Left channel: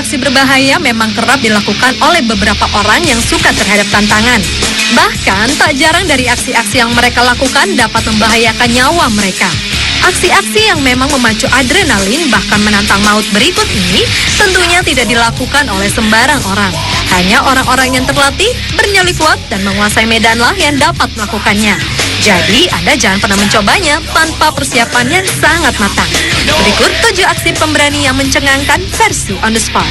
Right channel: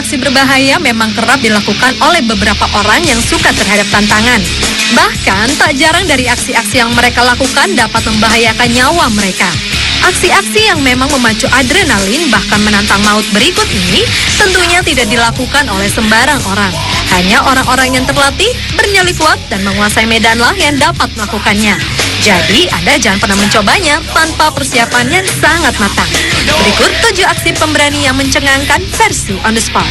aksi berbahaya memang kerap dilakukan oleh beberapa orang yang suka terhadap tantangan. Bahkan tak jarang dari aksi-aksi yang mereka lakukan dapat membahayakan nyawa mereka. Aksi-aksi yang memang memacu adrenalin bahkan menantang maut berikut ini tentunya tidak dilakukan oleh sembarang orang. Hanya orang-orang yang terlatih, bernyali kuat, dan menguasai medanlah yang dapat melakukannya. Jadi, Anda jangan pernah mencobanya tanpa persiapan yang sangat matang. Berikut 7 aksi pemberani yang mencengangkan versi on the spot.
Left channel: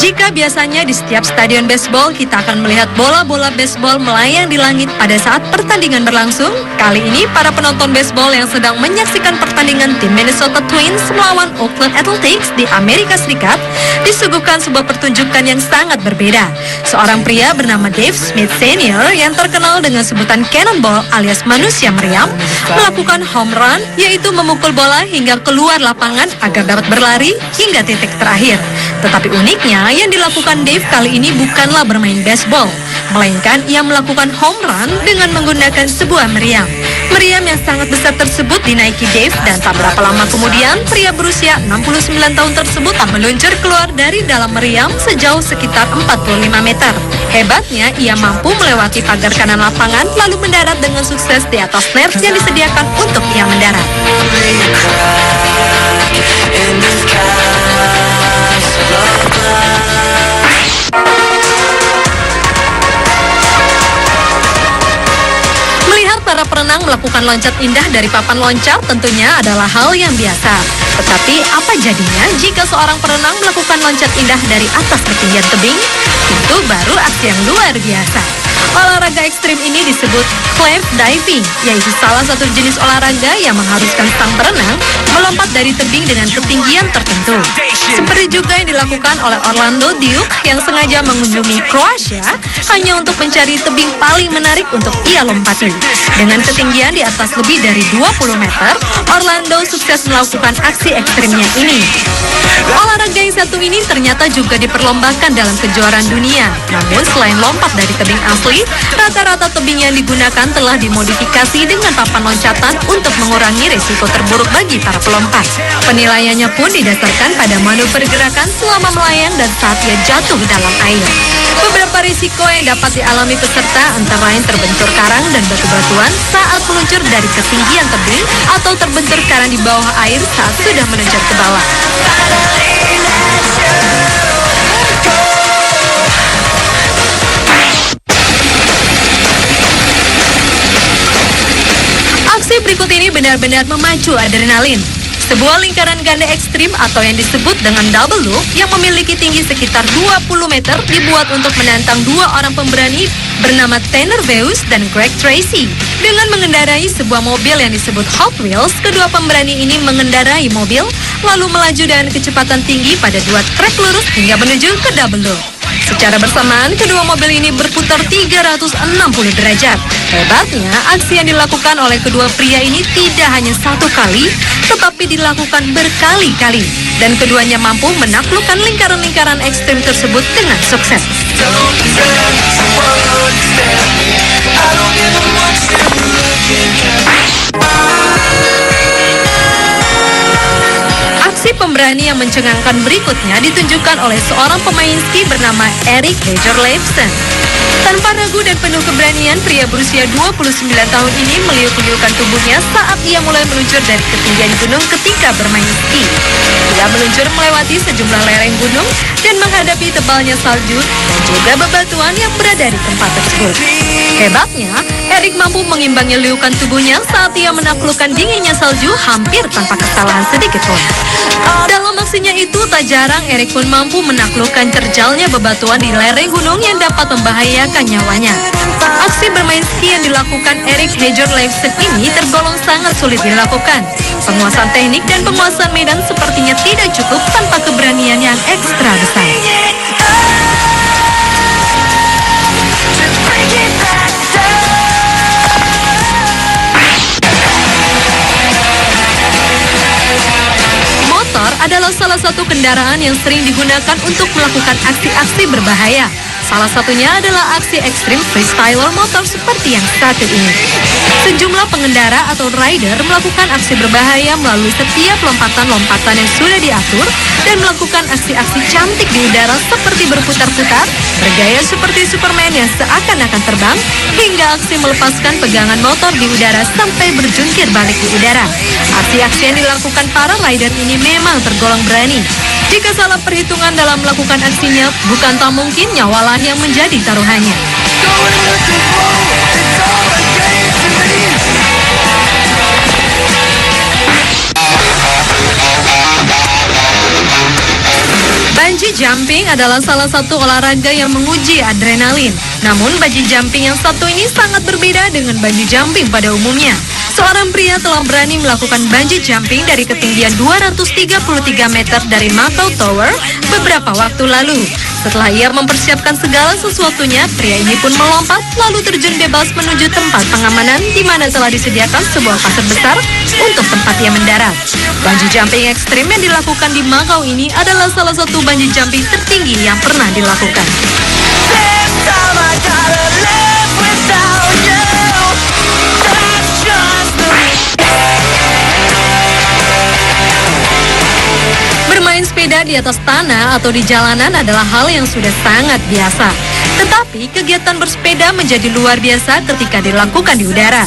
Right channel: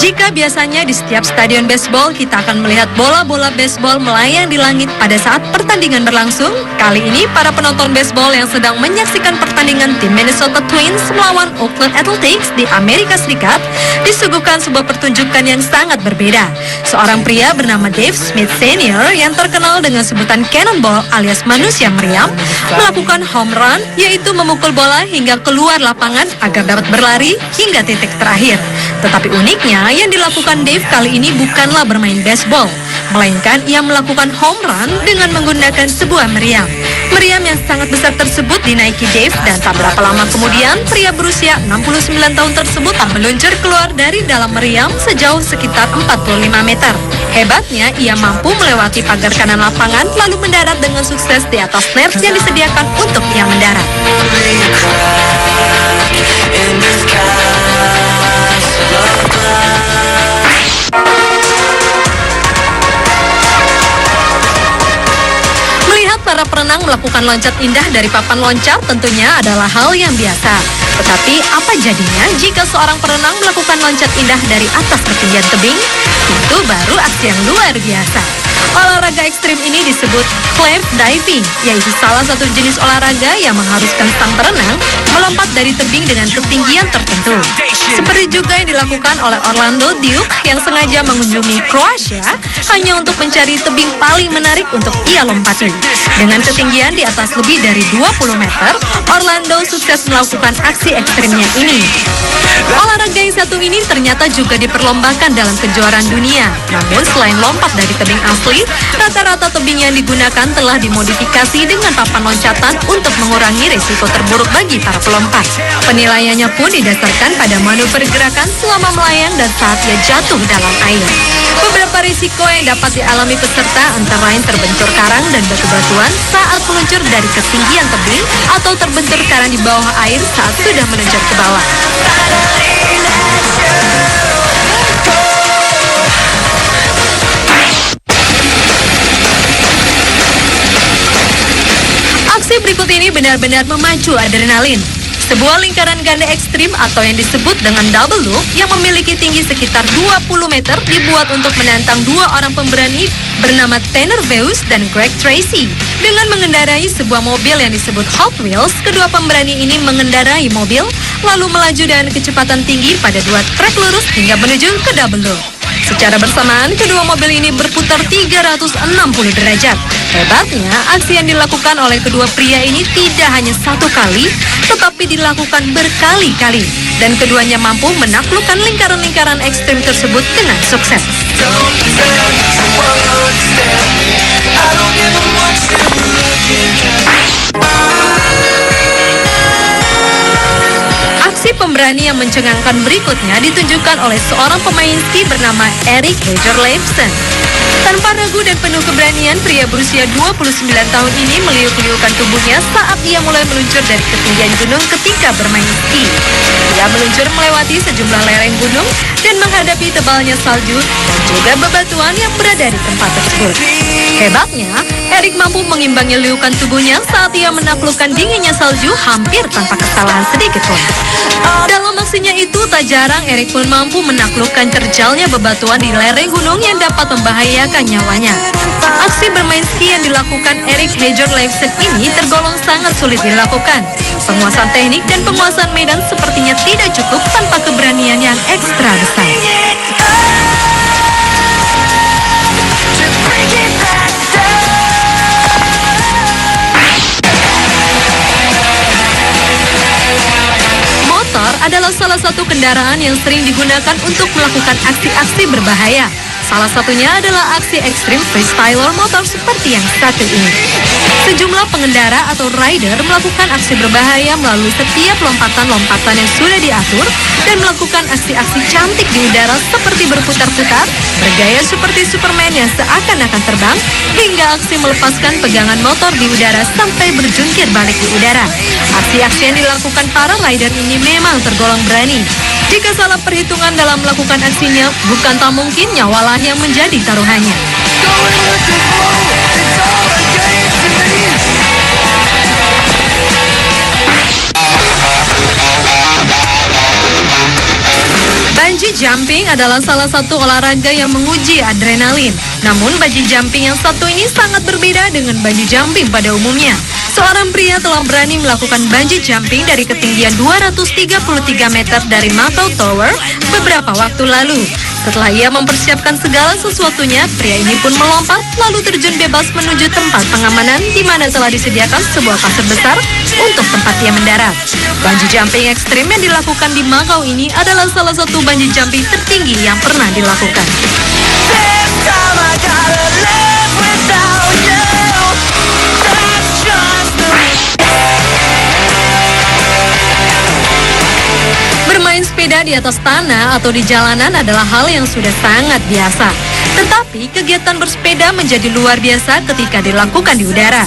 Jika biasanya di setiap stadion baseball kita akan melihat bola-bola baseball melayang di langit pada saat pertandingan berlangsung, kali ini para penonton baseball yang sedang menyaksikan pertandingan tim Minnesota Twins melawan Oakland Athletics di Amerika Serikat disuguhkan sebuah pertunjukan yang sangat berbeda. Seorang pria bernama Dave Smith Senior yang terkenal dengan sebutan cannonball alias manusia priam melakukan home run, yaitu memukul bola hingga keluar lapangan agar dapat berlari hingga titik terakhir. Tetapi uniknya, yang dilakukan Dave kali ini bukanlah bermain baseball, melainkan ia melakukan home run dengan menggunakan sebuah meriam. Meriam yang sangat besar tersebut dinaiki Dave dan tak berapa lama kemudian, pria berusia 69 tahun tersebut meluncur keluar dari dalam meriam sejauh sekitar 45 meter. Hebatnya, ia mampu melewati pagar kanan lapangan lalu mendarat dengan sukses di atas net yang disediakan untuk ia mendarat. Para perenang melakukan loncat indah dari papan loncat tentunya adalah hal yang biasa. Tetapi apa jadinya jika seorang perenang melakukan loncat indah dari atas ketinggian tebing? Itu baru aksi yang luar biasa. Olahraga ekstrim ini disebut cliff diving, yaitu salah satu jenis olahraga yang mengharuskan sang perenang melompat dari tebing dengan ketinggian tertentu. Seperti juga yang dilakukan oleh Orlando Duke yang sengaja mengunjungi Croatia hanya untuk mencari tebing paling menarik untuk ia lompati. Dengan ketinggian di atas lebih dari 20 meter, Orlando sukses melakukan aksi ekstrimnya ini. Olahraga yang satu ini ternyata juga diperlombakan dalam kejuaraan dunia. Namun selain lompat dari tebing asli, rata-rata tebing yang digunakan telah dimodifikasi dengan papan loncatan untuk mengurangi risiko terburuk bagi para pelompat. Penilaiannya pun didasarkan pada manuver gerakan selama melayang dan saat ia jatuh di dalam air. Beberapa risiko yang dapat dialami peserta antara lain terbentur karang dan batu-batuan saat meluncur dari ketinggian tebing atau terbentur karang di bawah air saat sudah meluncur ke bawah. Aksi berikut ini benar-benar memacu adrenalin. Sebuah lingkaran ganda ekstrim atau yang disebut dengan double loop yang memiliki tinggi sekitar 20 meter dibuat untuk menantang 2 orang pemberani bernama Tanner Veus dan Greg Tracy. Dengan mengendarai sebuah mobil yang disebut Hot Wheels, kedua pemberani ini mengendarai mobil lalu melaju dengan kecepatan tinggi pada 2 trek lurus hingga menuju ke double loop. Secara bersamaan, kedua mobil ini berputar 360 derajat. Hebatnya, aksi yang dilakukan oleh kedua pria ini tidak hanya satu kali, tetapi dilakukan berkali-kali. Dan keduanya mampu menaklukkan lingkaran-lingkaran ekstrim tersebut dengan sukses. Aksi pemberani yang mencengangkan berikutnya ditunjukkan oleh seorang pemain ski bernama Erik Heijer Leifsen. Tanpa ragu dan penuh keberanian, pria berusia 29 tahun ini meliuk-liukan tubuhnya saat ia mulai meluncur dari ketinggian gunung ketika bermain ski. Ia meluncur melewati sejumlah lereng gunung dan menghadapi tebalnya salju dan juga bebatuan yang berada di tempat tersebut. Hebatnya, Erik mampu mengimbangi liukan tubuhnya saat ia menaklukkan dinginnya salju hampir tanpa kesalahan sedikit pun. Dalam aksinya itu, tak jarang Erik pun mampu menaklukkan terjalnya bebatuan di lereng gunung yang dapat membahayakan nyawanya. Aksi bermain ski yang dilakukan Erik Heijer Leifsen ini tergolong sangat sulit dilakukan. Penguasaan teknik dan penguasaan medan sepertinya tidak cukup tanpa keberanian yang ekstra besar. kendaraan yang sering digunakan untuk melakukan aksi-aksi berbahaya. Salah satunya adalah aksi ekstrim freestyler motor seperti yang satu ini. Sejumlah pengendara atau rider melakukan aksi berbahaya melalui setiap lompatan-lompatan yang sudah diatur dan melakukan aksi-aksi cantik di udara seperti berputar-putar, bergaya seperti Superman yang seakan-akan terbang, hingga aksi melepaskan pegangan motor di udara sampai berjungkir balik di udara. Aksi-aksi yang dilakukan para rider ini memang tergolong berani. Jika salah perhitungan dalam melakukan aksinya, bukan tak mungkin nyawalah yang menjadi taruhannya. Bungee jumping adalah salah satu olahraga yang menguji adrenalin. Namun bungee jumping yang satu ini sangat berbeda dengan bungee jumping pada umumnya. Seorang pria telah berani melakukan bungee jumping dari ketinggian 233 meter dari Maple Tower beberapa waktu lalu. Setelah ia mempersiapkan segala sesuatunya, pria ini pun melompat lalu terjun bebas menuju tempat pengamanan di mana telah disediakan sebuah pasir besar untuk tempatnya mendarat. Bungee jumping ekstrim yang dilakukan di Macau ini adalah salah satu bungee jumping tertinggi yang pernah dilakukan. Bermain sepeda di atas tanah atau di jalanan adalah hal yang sudah sangat biasa. Tetapi kegiatan bersepeda menjadi luar biasa ketika dilakukan di udara.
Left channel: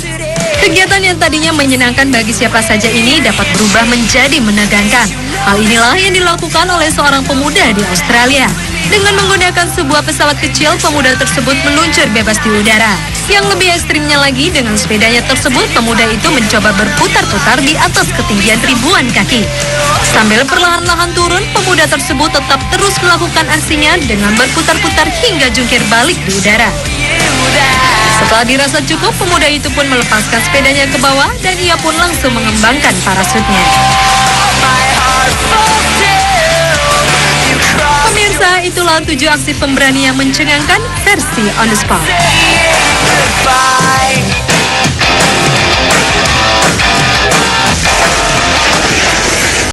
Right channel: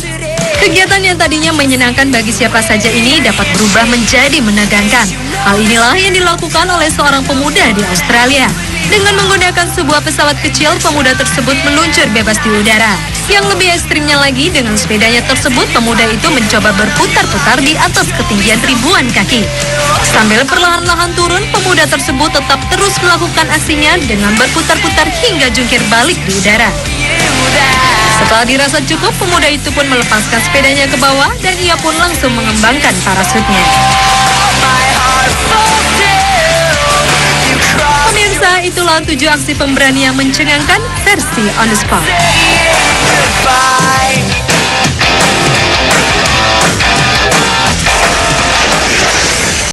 Kegiatan yang tadinya menyenangkan bagi siapa saja ini dapat berubah menjadi menegangkan. Hal inilah yang dilakukan oleh seorang pemuda di Australia. Dengan menggunakan sebuah pesawat kecil, pemuda tersebut meluncur bebas di udara. Yang lebih ekstrimnya lagi, dengan sepedanya tersebut, pemuda itu mencoba berputar-putar di atas ketinggian ribuan kaki. Sambil perlahan-lahan turun, pemuda tersebut tetap terus melakukan aksinya dengan berputar-putar hingga jungkir balik di udara. Setelah dirasa cukup, pemuda itu pun melepaskan sepedanya ke bawah dan ia pun langsung mengembangkan parasutnya. Pemirsa, itulah 7 aksi pemberani yang mencengangkan versi On The Spot.